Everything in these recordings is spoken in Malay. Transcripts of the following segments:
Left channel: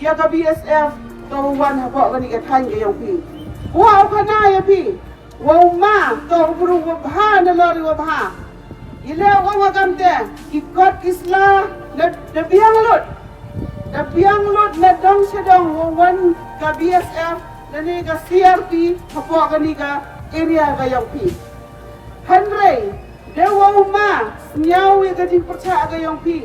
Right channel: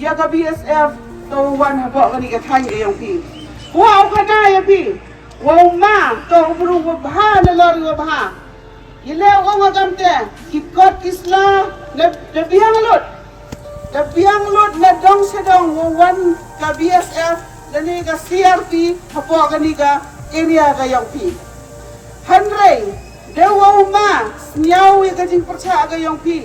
ya ka BSF to wan habo kani ka thai ka Jongki wow khana ya pi wow ma to bru wa bha na lori wa bha ile wa ma kamte ikot kisla na biang lut na dong sedong wa wan ka BSF dani ka CRP habo kani ka area ka Jongki hanrei dewa ma nyau ya ka jing percha ka Jongki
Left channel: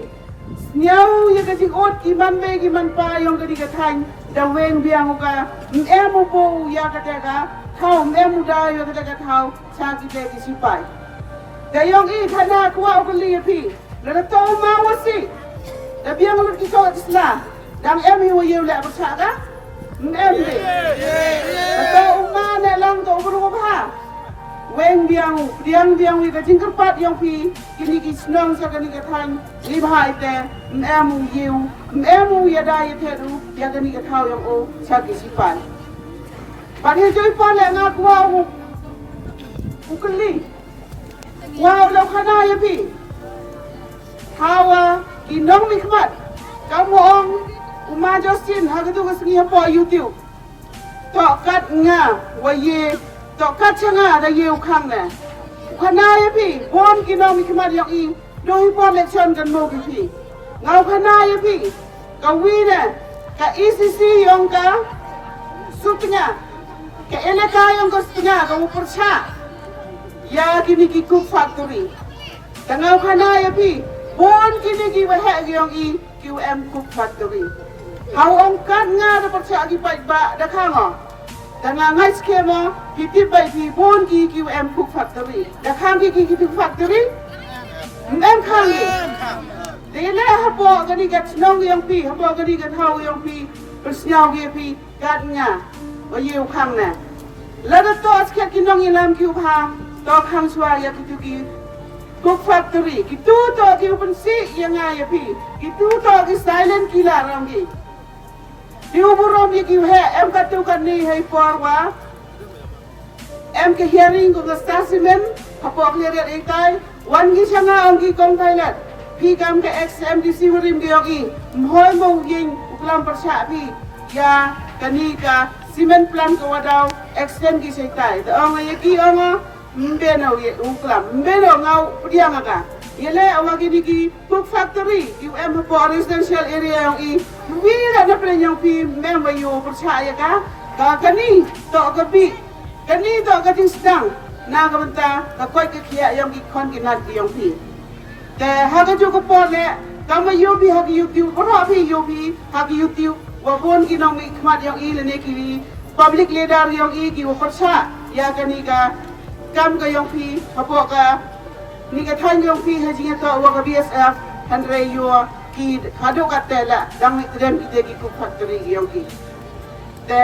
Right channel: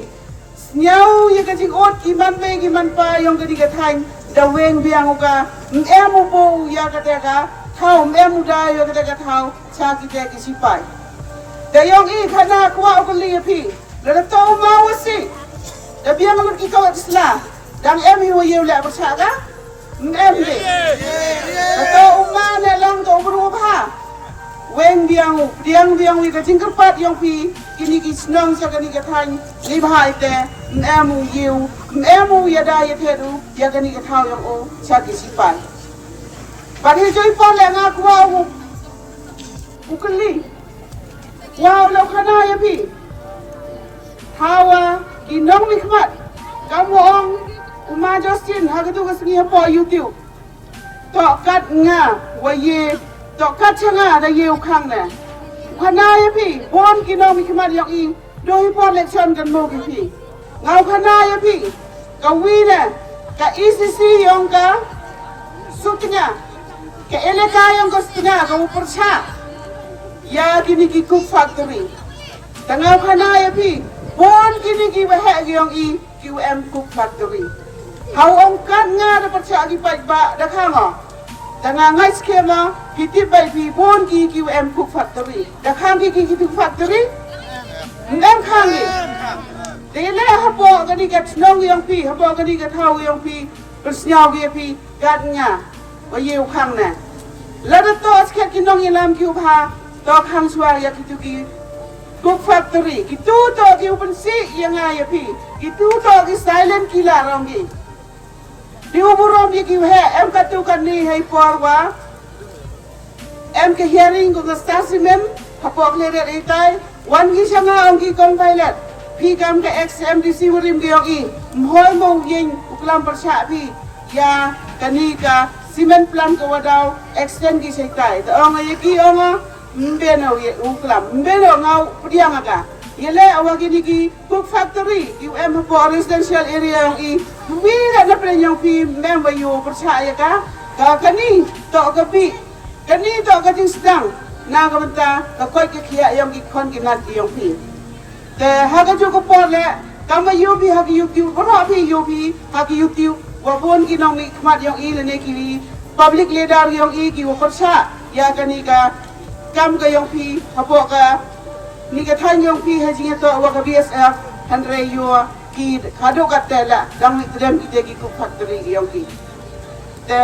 nhau như cái chiếc ốt kỳ man pa yung cái đi cái thành đầu ven biang ka em mo bo ya cái ka thau em mu da yo cái thau cha cái sipai để yung i khana kwa cái li pi là to ma wasi da biang lu ki ko isla dang em yu yu la ba cha ka em ni to ma ne lang to bru pa wen biang wi ka jing kerpat yung pi kini ki snong sa kani ka thành ni bhai te emu ya da ya teru ya kani ka thau yang o sa ki sipan but he joy pon la nga kwa ukli wa lo khana ya pi hawa ki nong ni khmat kamong uma Justin ha ka tu ka singi po YouTube to kat nga wa ye to kat changa da ye khang ne khana ya pi bon ki nong ni khmat yak i doi pon election kan mo ki pi ngau khana ya pi ka wi ne ka ECC yang ka sutnya ka eleka yang ka sutnya ka upercha ya kini ki cook factory ngau khana ya pi bon kini ki ba ha yang i QM cook factory hau ong kan nga da percha ki pai ba da khang dengan ngai skema kita bai pi bon ki QM cook factory da khang ki cook factory ngam khang ni Dile habo kani kat nong yang pi habo kani kat hau yang pi persnyau ge pi kat nga wa yu khang na la da to asket ki nong ilam ki upha to khang swa ya ki ki cook factory ki tu to ki open si yang ya pi ki tu to ki silent killer rong gi di uburom ki he em ka tu kan ni hai por wa em ke hearing ko the statement habo le re tai wan gi changa ong ki kong pilot Pyndam ke XMDC murim ke yogi mhoi mo ying uklam persha pi ya kani ka cement plant ko wadau extend ki sekai to ong ye ki ong mbe no ye uklam mbe no ngau priang aga yele awagi ni ki cook factory ki em po residential area yong i wi la na pre yong pi mem wa yo persha ya ka kani to ka pi kani to ka ting sedang na ka menta ka koi ki khia yong ki khon ki nat ki yong pi ke haga juga pole kama yubi hagi YouTube kono api yubi hagi YouTube wa bon ki nong khmat yang i ne ki public leader yang i ki korsa ya kani ka kam ka yang pi hapo ka ni ka than yang pi he jing to wa ka BSF andre yo ki khado ka tela dang Tdem ki te ki factory yang ki te